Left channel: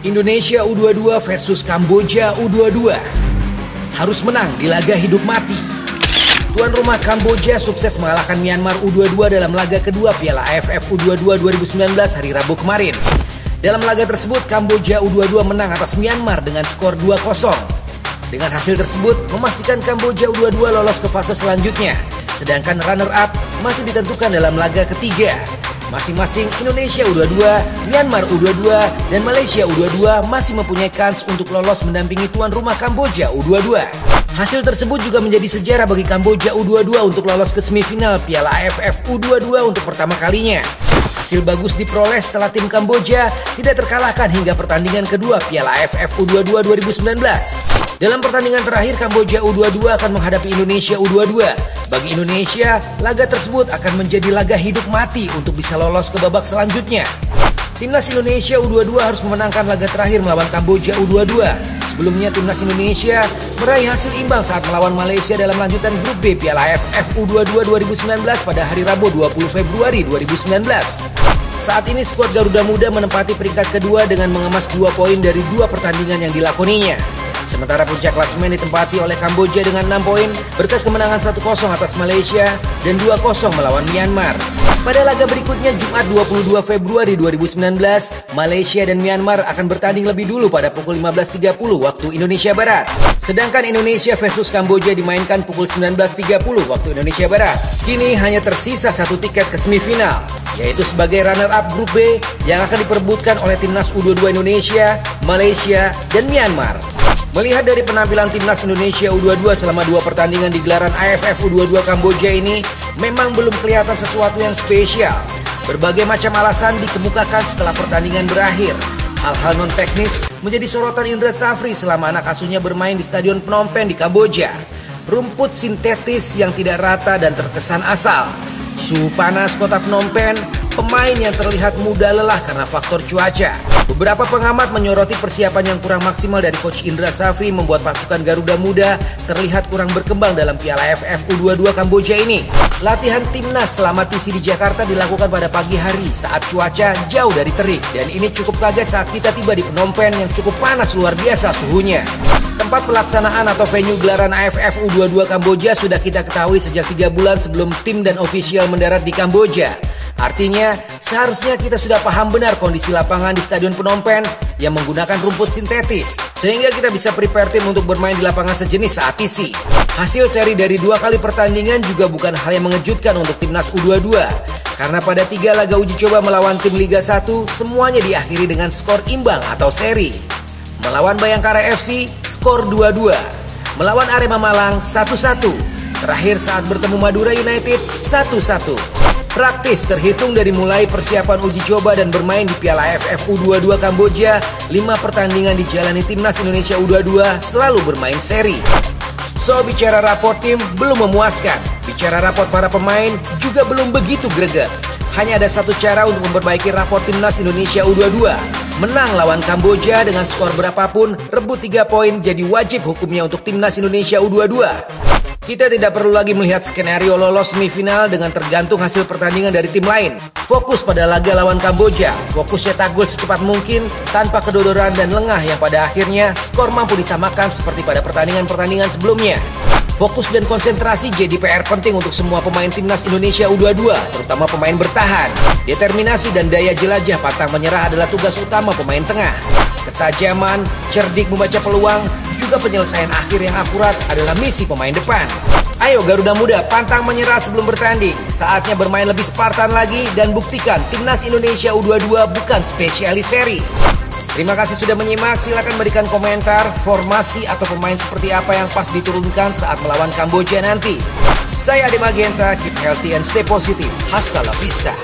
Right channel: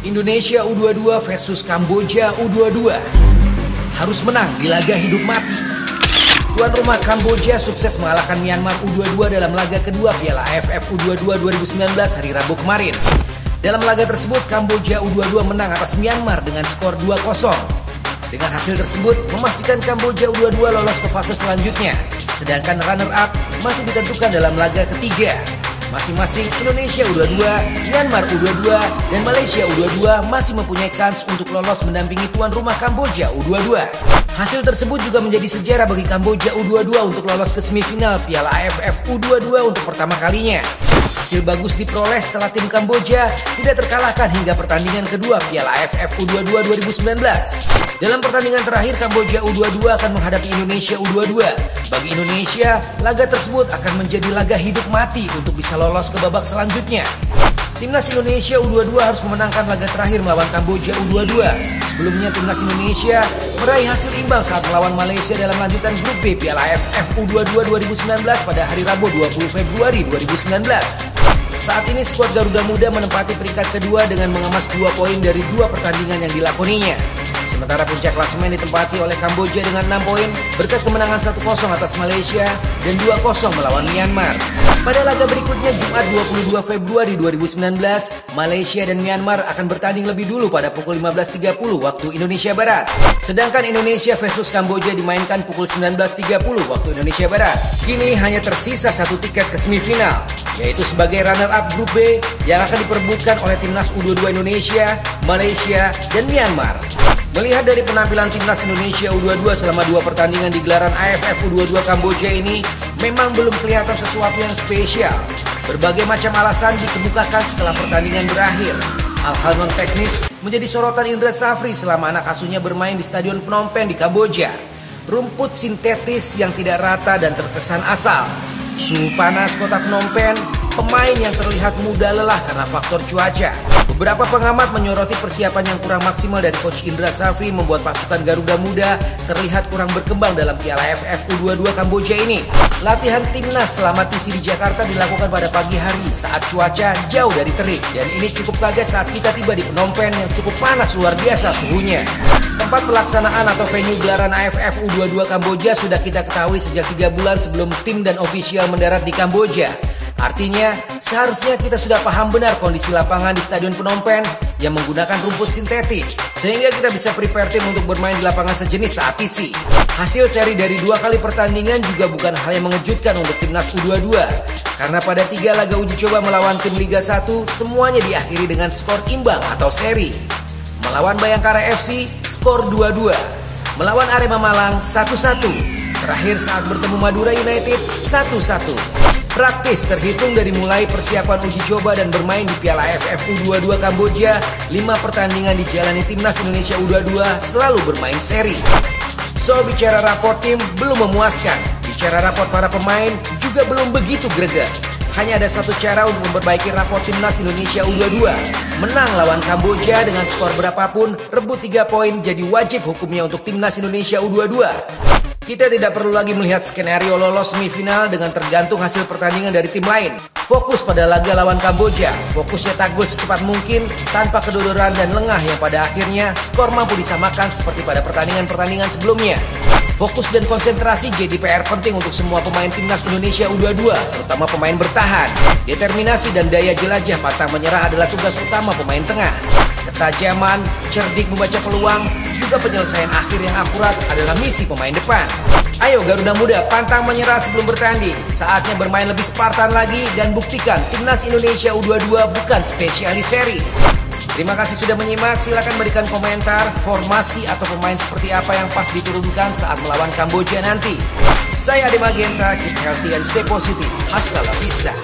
Indonesia U22 versus Kamboja U22. Harus menang di laga hidup mati. Tuan rumah Kamboja sukses mengalahkan Myanmar U22 dalam laga kedua Piala AFF U22 2019 hari Rabu kemarin. Dalam laga tersebut, Kamboja U22 menang atas Myanmar dengan skor 2-0. Dengan hasil tersebut, memastikan Kamboja U22 lolos ke fase selanjutnya. Sedangkan runner-up masih ditentukan dalam laga ketiga. Masing-masing Indonesia U22, Myanmar U22, dan Malaysia U22 masih mempunyai kans untuk lolos mendampingi tuan rumah Kamboja U22. Hasil tersebut juga menjadi sejarah bagi Kamboja U22 untuk lolos ke semifinal Piala AFF U22 untuk pertama kalinya. Hasil bagus diperoleh setelah tim Kamboja tidak terkalahkan hingga pertandingan kedua Piala AFF U22 2019. Dalam pertandingan terakhir, Kamboja U22 akan menghadapi Indonesia U22. Bagi Indonesia, laga tersebut akan menjadi laga hidup mati untuk bisa lolos ke babak selanjutnya. Timnas Indonesia U22 harus memenangkan laga terakhir melawan Kamboja U22. Sebelumnya, Timnas Indonesia meraih hasil imbang saat melawan Malaysia dalam lanjutan grup B Piala AFF U22 2019 pada hari Rabu 20 Februari 2019. Saat ini skuad Garuda Muda menempati peringkat kedua dengan mengemas 2 poin dari 2 pertandingan yang dilakoninya. Sementara puncak klasemen ditempati oleh Kamboja dengan 6 poin berkat kemenangan 1-0 atas Malaysia dan 2-0 melawan Myanmar. Pada laga berikutnya Jumat 22 Februari 2019, Malaysia dan Myanmar akan bertanding lebih dulu pada pukul 15.30 waktu Indonesia Barat. Sedangkan Indonesia versus Kamboja dimainkan pukul 19.30 waktu Indonesia Barat. Kini hanya tersisa 1 tiket ke semifinal, yaitu sebagai runner-up grup B yang akan diperebutkan oleh Timnas U22 Indonesia, Malaysia, dan Myanmar. Melihat dari penampilan Timnas Indonesia U22 selama 2 pertandingan di gelaran AFF U22 Kamboja ini, memang belum kelihatan sesuatu yang spesial. Berbagai macam alasan dikemukakan setelah pertandingan berakhir. Hal-hal non-teknis menjadi sorotan Indra Safri selama anak asuhnya bermain di Stadion Phnom Penh di Kamboja. Rumput sintetis yang tidak rata dan terkesan asal. Suhu panas kota Phnom Penh, pemain yang terlihat mudah lelah karena faktor cuaca. Beberapa pengamat menyoroti persiapan yang kurang maksimal dari Coach Indra Safri membuat pasukan Garuda Muda terlihat kurang berkembang dalam Piala AFF U22 Kamboja ini. Latihan timnas selama TC di Jakarta dilakukan pada pagi hari saat cuaca jauh dari terik. Dan ini cukup kaget saat kita tiba di Phnom Penh yang cukup panas luar biasa suhunya. Tempat pelaksanaan atau venue gelaran AFF U22 Kamboja sudah kita ketahui sejak 3 bulan sebelum tim dan ofisial mendarat di Kamboja. Artinya, seharusnya kita sudah paham benar kondisi lapangan di Stadion Phnom Penh yang menggunakan rumput sintetis, sehingga kita bisa prepare tim untuk bermain di lapangan sejenis saat TC. Hasil seri dari 2 kali pertandingan juga bukan hal yang mengejutkan untuk Timnas U22, karena pada 3 laga uji coba melawan tim Liga 1, semuanya diakhiri dengan skor imbang atau seri. Melawan Bayangkara FC, skor 2-2. Melawan Arema Malang, 1-1. Terakhir saat bertemu Madura United, 1-1. Praktis terhitung dari mulai persiapan uji coba dan bermain di Piala AFF U22 Kamboja, 5 pertandingan dijalani Timnas Indonesia U22 selalu bermain seri. Soal bicara rapor tim belum memuaskan, bicara rapor para pemain juga belum begitu greget. Hanya ada satu cara untuk memperbaiki rapor Timnas Indonesia U22. Menang lawan Kamboja dengan skor berapapun, rebut 3 poin jadi wajib hukumnya untuk Timnas Indonesia U22. Kita tidak perlu lagi melihat skenario lolos semifinal dengan tergantung hasil pertandingan dari tim lain. Fokus pada laga lawan Kamboja, fokus cetak gol secepat mungkin tanpa kedodoran dan lengah yang pada akhirnya skor mampu disamakan seperti pada pertandingan-pertandingan sebelumnya. Fokus dan konsentrasi jadi PR penting untuk semua pemain Timnas Indonesia U22, terutama pemain bertahan. Determinasi dan daya jelajah pantang menyerah adalah tugas utama pemain tengah. Ketajaman, cerdik membaca peluang, juga penyelesaian akhir yang akurat adalah misi pemain depan. Ayo Garuda Muda, pantang menyerah sebelum bertanding. Saatnya bermain lebih Spartan lagi dan buktikan Timnas Indonesia U22 bukan spesialis seri. Terima kasih sudah menyimak, silakan berikan komentar, formasi atau pemain seperti apa yang pas diturunkan saat melawan Kamboja nanti. Saya Ade Magenta, keep healthy and stay positive. Hasta la vista.